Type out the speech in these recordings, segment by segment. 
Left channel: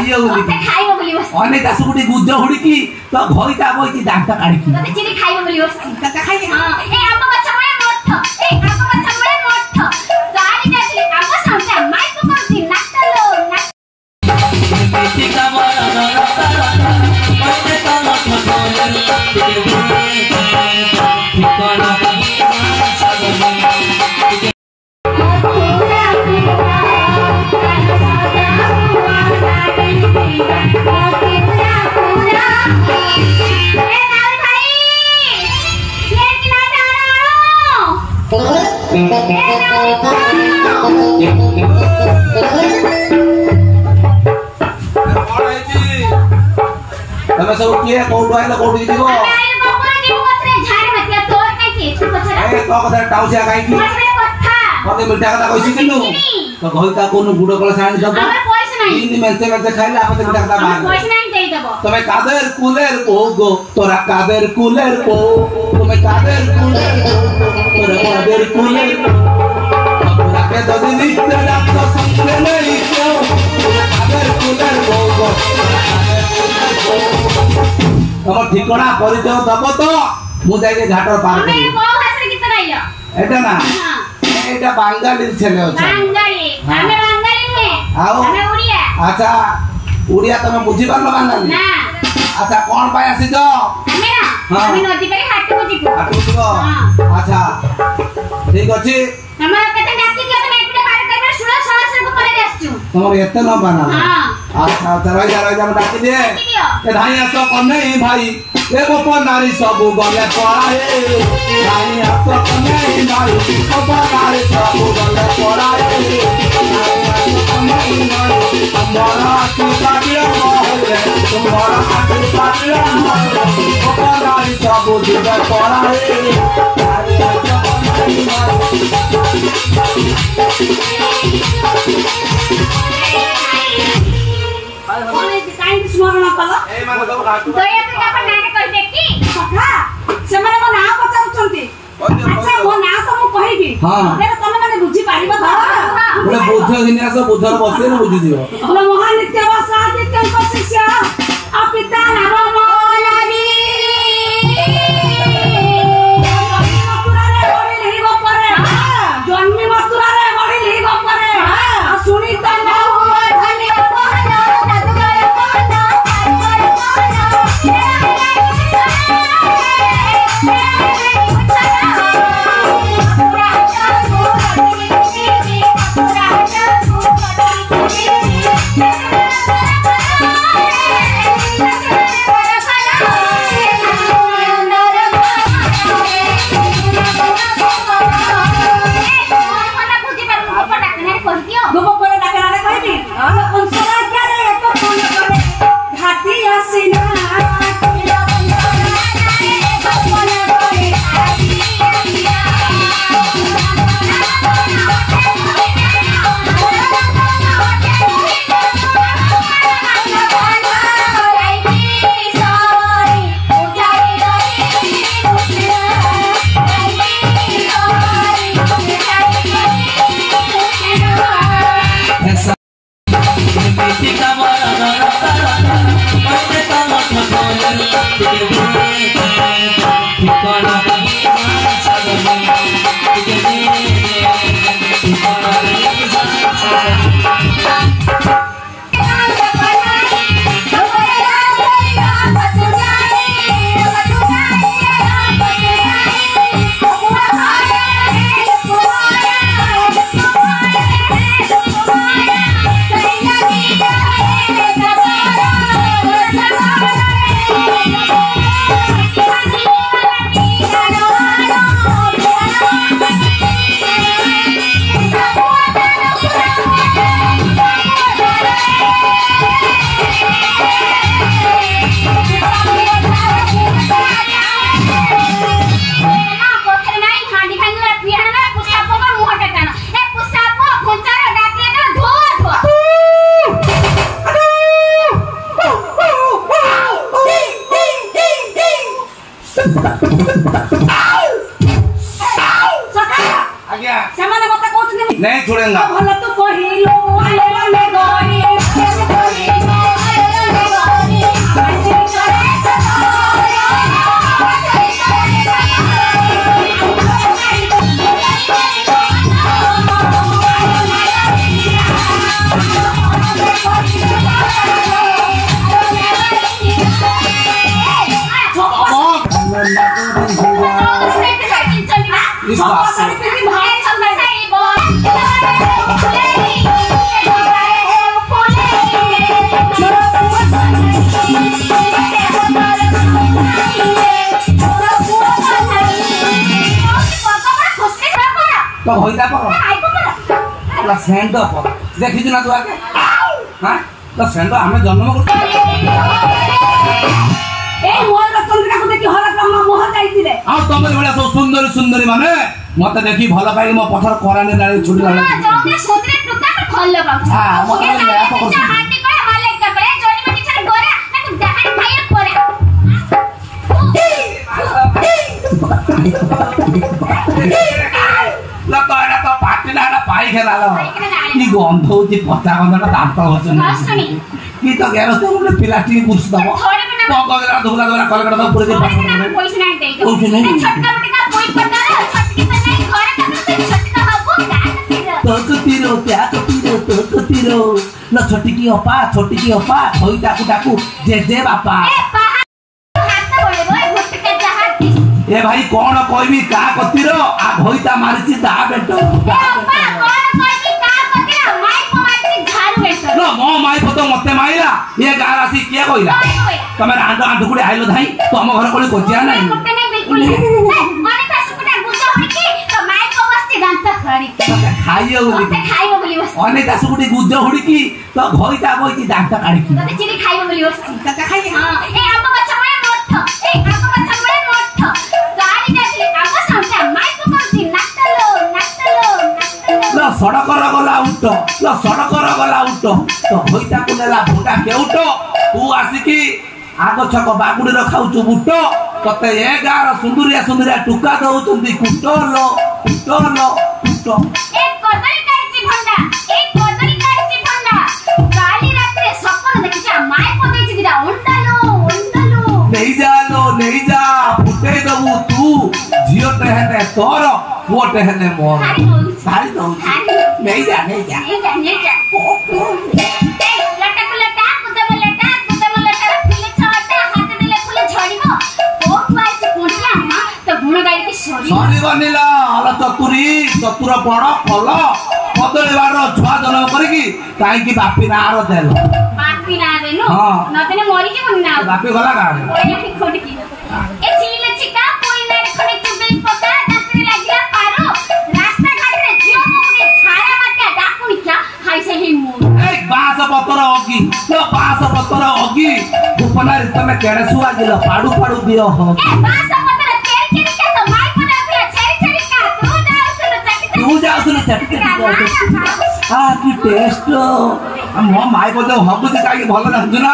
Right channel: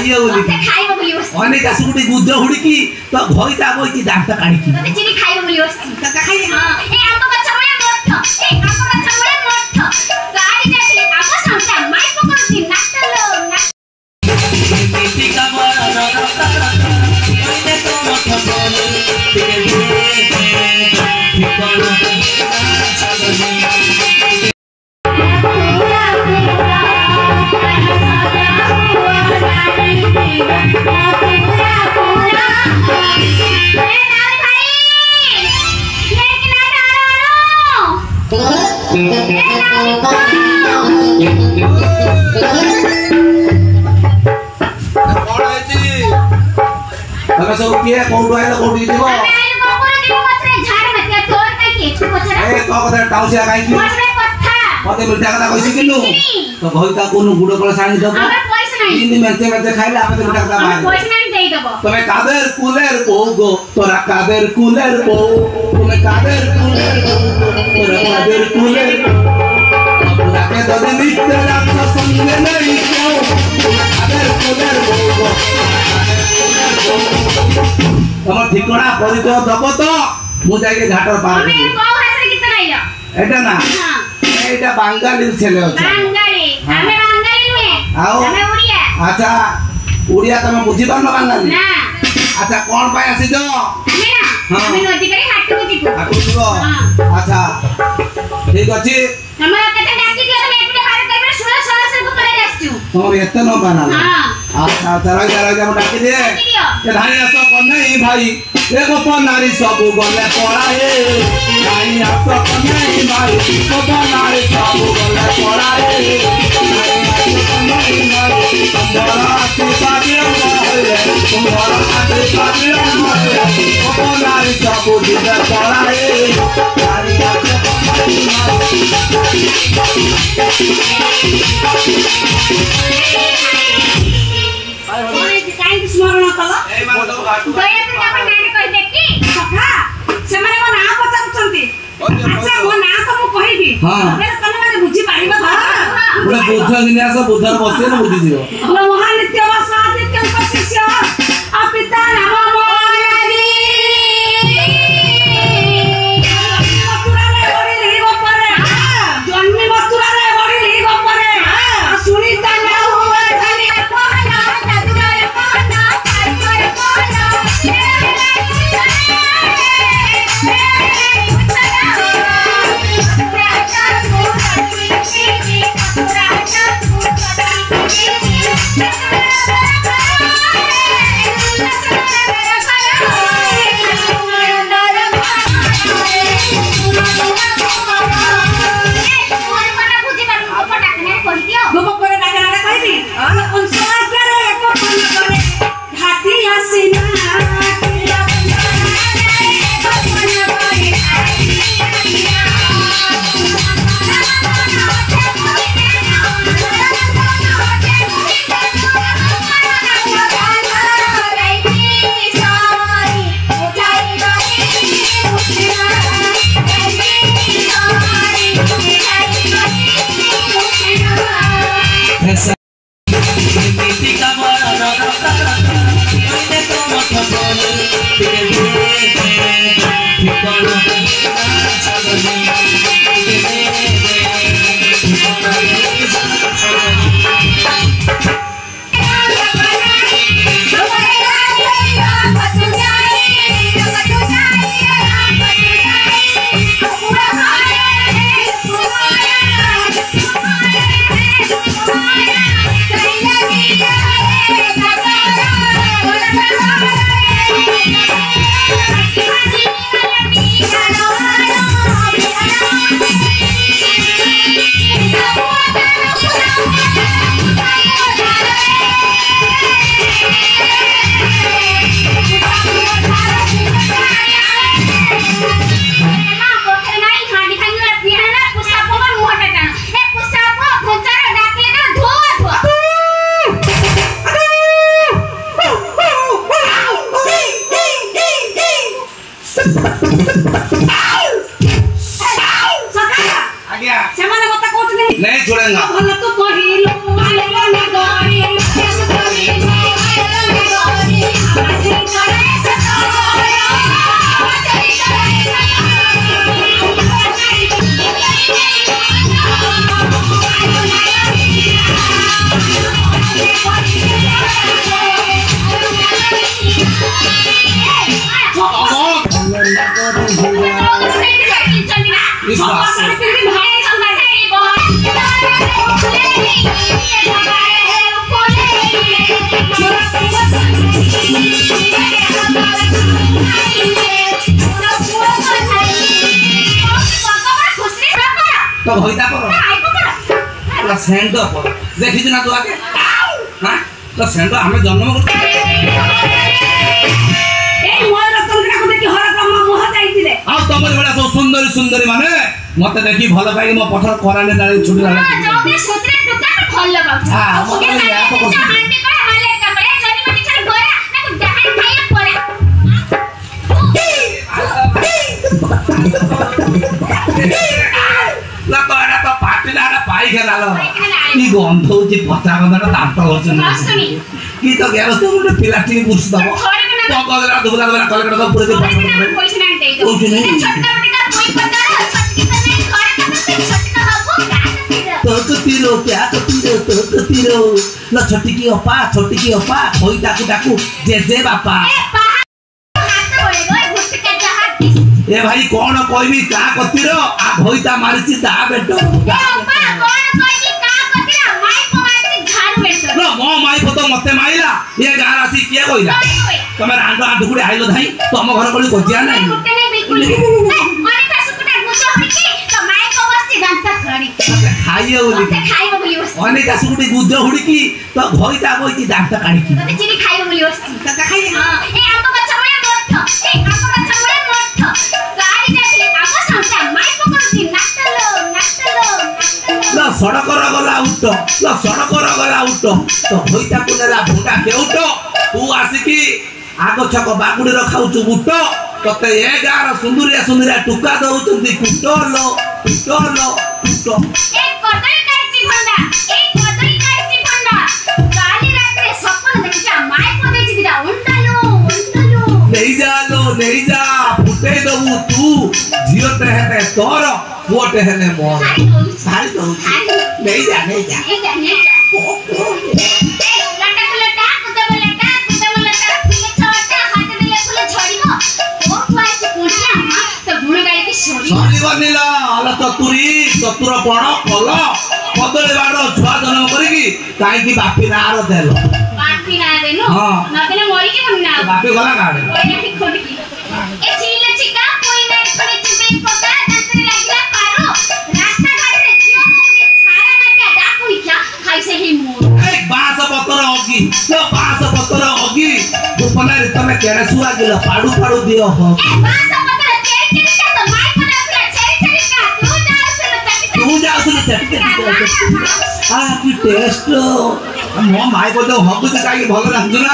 खाइयो बोली मते खाइबो बोली बस अनेक आसुटी गुज्ज हुडकी तो भइता बोइकी दांत काढी मते चिनी खाइबो बोली बस का खाइ हां ए आम बच्चा बडे मठ ए आम बच्चा बडे मठ गाड़ी जाती आम संसा माइक करती नाचलो बेटी का बड़ा मते तो मठ तमे सब किए कोडो आइलो कोडी दिबो आइलो कोडो दिबो मते झाड़ मते तोर नै के तू पछरा ए तो कदा टाउसिया काई की मते कथा मते मिठा कथा कइसी किनु तो भइता कोन गुडो कला साणी दबो हमरा पैसा नै तीन मते मते खाइले आपते मिठा कथा मार पैसा नै देई दबो तमे कादेर कुलेर ओ गो तोरा कादेर कुलेर ओ तमे कादेर कुलेर ओ तोरा कादेर कुलेर पूरा के ददी मित्र आपको संगे नहीं क्यों तमे कादेर कुलेर ओ गो तम ठिकाना परिचय दबो तो मु जाके घाटर पार हमें करी को भाषा गीत गाइलो एटा ना हां एटा बांगाली छेले अछि बांगाली हमें बांगाली नुए आओ हमें उड़िया अच्छा उड़िया तमे बुझी पारलो बांगाली ना अच्छा कोन पाय आसी जो हमें ना हां हमें नदी करे हाथ को जीतो आकु जीवो हां अच्छा ठीक अछि हमरा कते डाकी दियो तो एकटे बाहर करबे सुनो सवार से को पले जासछु तुम एते न बना हां अच्छा चला जा डाकी दे ए धाई आसो कोन नहीं भाई ए गोपन नारी सब गले पड़ाए धाई आसो कोन नहीं भाई गोपन नारी सब गले पड़ाए धाई आसो कोन नहीं भाई तुम्हारा आती पाटिया होए तुम्हारा आती पाटिया होए गोपन नारी सब गले पड़ाए धाई आसो कोन नहीं भाई काई स्मरण कला ए माने दो घाटू दया पे आपण नाने कर देखी सखा सेमने को ना पचारुचंती अच्छा मो ना तो मु कहिबी फेर तमे माने बुझी पारिबा बोले बुद्ध गिन्यास बुद्धर बसे न बुझी दियो बोले महानित्य वा स्वादित्य शिष्य आ पिता नाम मोनाली मथुरा रे बड़ी ली गोपरे जन्मी मथुरा रे बड़ी ली गोपरे आ सुनी त ना हुआ खाली कहना जादू करे कहना तारी करे नहीं छोड़ेगा भला तो कहिलो आले वाले गोरी तो होइता पर ला सेंड पर देखि ना तू आके हां तो सेंड हमें जन्म करते ए मोर चंद्रिका को देखि हर क्रम मोह जाईतिले आ तमर बड़ा सब सुंदरी सुंदरी माने मते देखि भलो पाई मो पथर कराने डाले छुटी डाले जौने सोत्रे टुका भलो पाउ हां मते या तो हांडी करे हाले कपड़े जोनी मनी चल गोरा ताकू जहां खाया पड़ा ला तो पार्टी ला पाई खेलालो की गंध होची पचा गंधटा दांत होचन की तो गेरस तो मोटे पिलाटी पुरुष दबो पगला दुगला दुगला कलकटा तो पूरे पैसा नहीं दे दो छोटका बटिका कोई पता छटकी पे नहीं घर का छटका बाबू तो कतीरो क्या कतीरो ला छोटी की अपा होई ताकू ताकू जे बापा ए भाई कौन कहबी का कतीरो आ भोईता मारिची दा बेटो नो मो माई तो मते माइला ये गार आसी के कइला तमे रांडो आंडू कुडे आइलो धाई तम घर कोली कोजिया नाही खाइयो बोली अनेक आसुकुटी गुज्जो हुडकी तो भोईता बोईची दांत काढीकी तते चिनी खाइयो बोली वस्ती तते खाइ हां ए आम बच्चा बळे मोठ गाड़ी जाथले आम साउटा माई को करती नाटलो लो सड़क गला उठ तो होईता को नेला भुंडा केउट तू आसिकी आगो छक बागुडी रखाउचु बुट तते ए गार सुंदरिया टुका दउचंदी कुटलो ए कदली काची भंडा काली रात्रे सपन देखिचा माई को देछि दिरा उंडलो नहीं जा फुटे दबु तू जियो टहने तोर वो टहने मोर सारी दो नहीं जा ए लटा कुते बोलेटा फुले छोटा हाथ दिले फुले झड़िबो ओ पाइछ कोठिया मां तो गुण गाई की सरी बनिला अला चतुर बड़ कल कदली बार छुआ जन्म करी कहीं बापी नार देल बापी ना देनु नदेले मरी के बनि ना बापी गला गाड़े ओए नहीं खोटकी ए चिल चिका कोई ना खड़ी चुबे पका दांतरी लागिला पारो रास्ता घाट रे जियो मुके छाया माके डाकुनी क्या खाई से ही मु ए बास पत्तर होगी उपना रे तमे केड़े सुआ गेल पाडू दियो हो ए बास पत्तर के का तो माई को देखले छेरी का तू जाउसुन चटके आ की टेस्ट मो माई को हबुच काई भल लागुना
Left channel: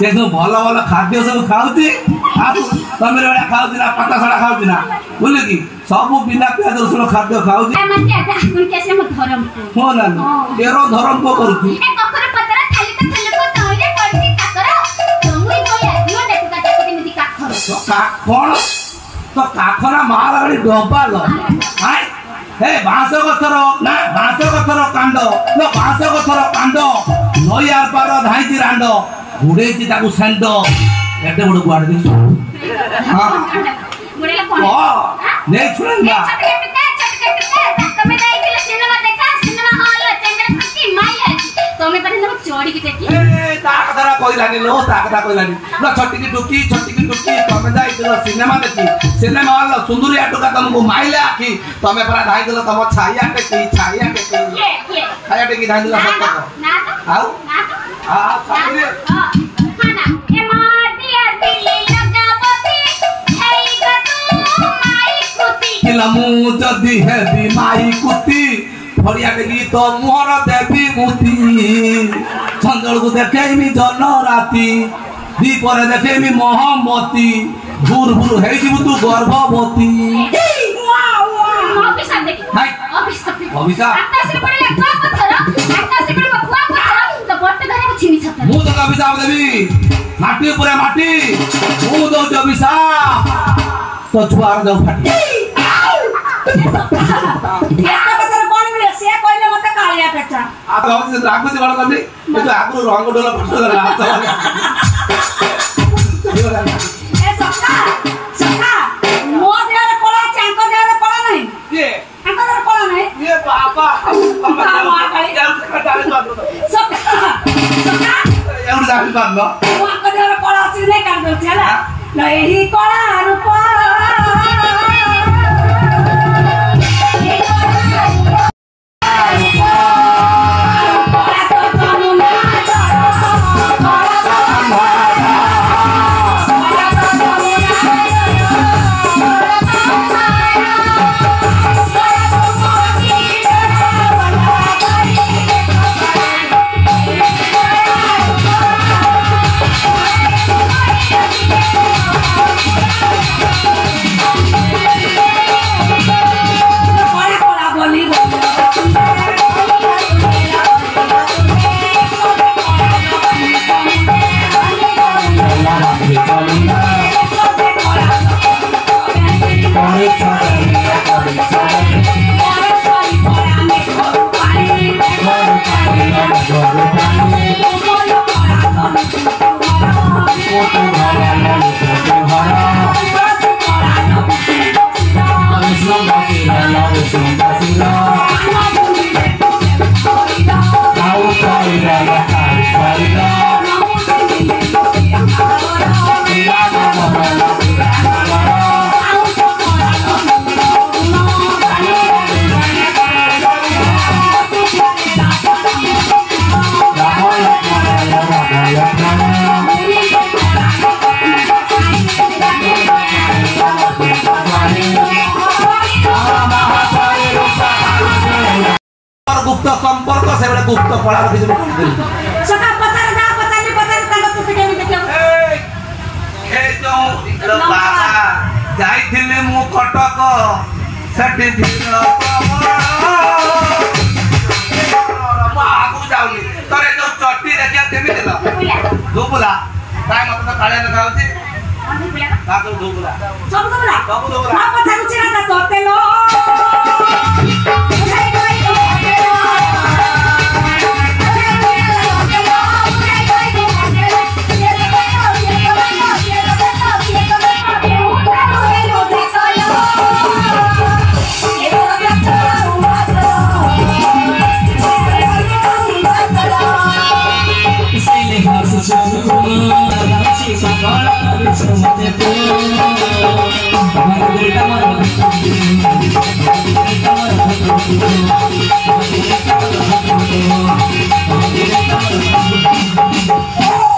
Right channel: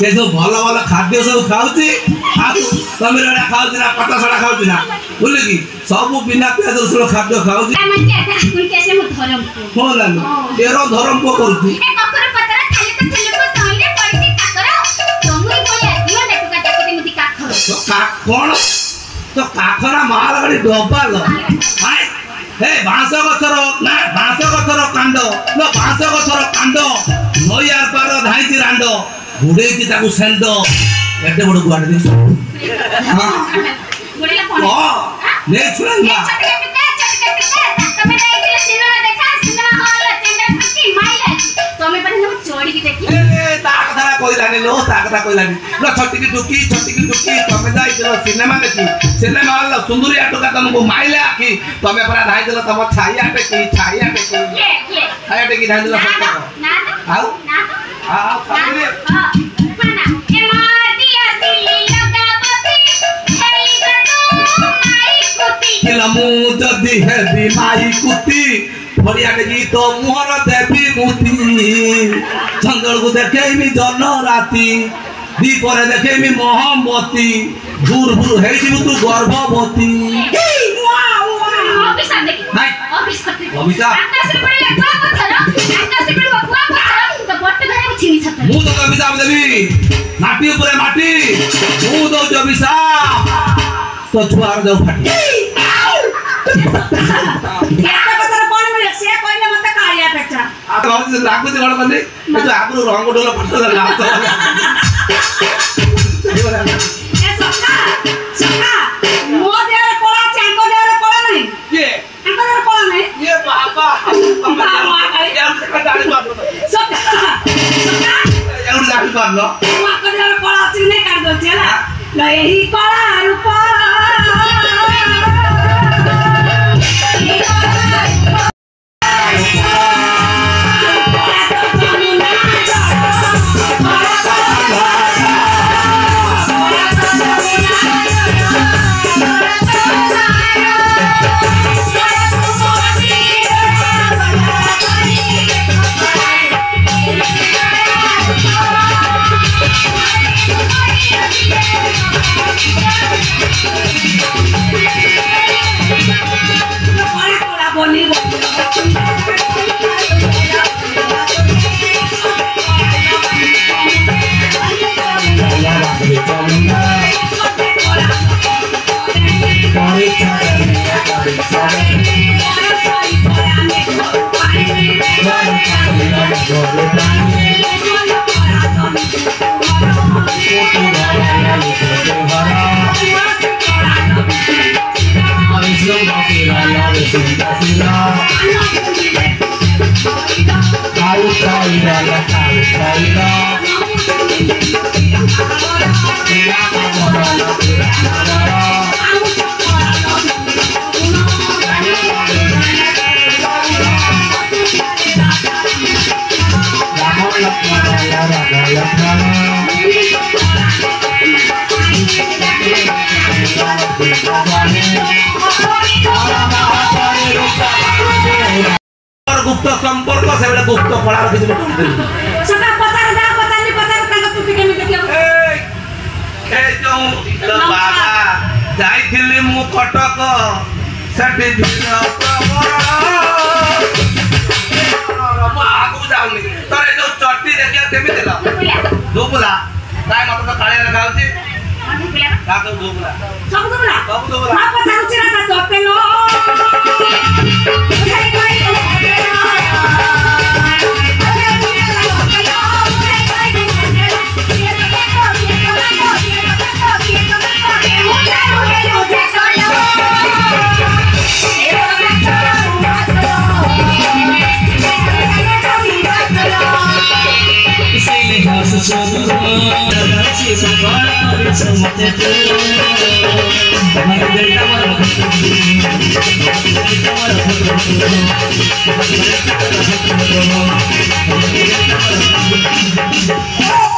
से जो भल खाद्य सब खाउची आ तमे रेडा खाउची ना पत्ता सड़ा खाउची ना बोले की सब बिना प्याज रसुन खाद्य खाउची आ मन के डाकुनी कैसे मु धरम हो ना तेरो धरम को करती ए कखर पत्तर खाली तो को तहिले पड़ती काकर तमुई बोले दियो देखु का देखि मुदी काखर तो का कोन तो काखरा माल गाड़ी डबाल हाय हे बांस गछर कांड लो बांस गछर कांड नई आर पार धाईची रांड गुडेची ताकू सेंड एते बड़ गुआड दे हां गुडेला कोन ले छुइला तमे जाइतिले सिनेमा हॉल चेंडा फटी माइला तमे परे न चोरी की देखि ए ता कथा कइलानी लो ता कथा कइलानी लो छट्टी की टुकी तमे जाइतिलो सिनेमा देखि सिनेमा हॉल सुंदरिया टुका तुमको माइले आखी तमे परा धाई दिलो तम छाया टेकी ये छाया टेकी धाई दिलो सब ना आउ आ खाली हां खाना ए माटी असली लगावती हेई गतु माई कुती किलमु जदी हेबी माई कुती फड़िया टेकी तो मोहर देवी मुती चंदल को देखेमी जन राती दीपरे देखेमी मोहम्मती भूर हेई जीवु तू गर्भवती ऑफिसर देखि ऑफिसर आकाश रे पड़े कुआ पत्थर तो बट्टे धरे को छिनी छत मु तो अभिशाप देवी माटी ऊपर माटी मु तो अभिशाप तो छुआर जाऊ फाटी एटा पत्थर कोन मिले से कहले मते कालिया पेटा आ तो लागु से गड़ करले ए जो आगु रंग डोला फटो लगा तो ए सका मो देर कोला चांको देर कोला नहीं ये अंको देर कोला नहीं ये बाबा सका एवढं दाखल करलो मो अंको देर कोला अछि नहीं कर दो चला ल यही कोला रूप संपर्क से बड़े गुप्त कला किसी को सका पचार जा पचार ताको तू सिकेनी देखियो ए जो तो बाबा जाइथिली मु कटक सेठी भिड़ प्रबल आगु जाउनी तोरे जो चट्टी देखिया केमी देला दुबुला काय मत तो काळे लगाउची का तो दुबुला सब दुबुला मा पचार चिरा ता तोते लो Oh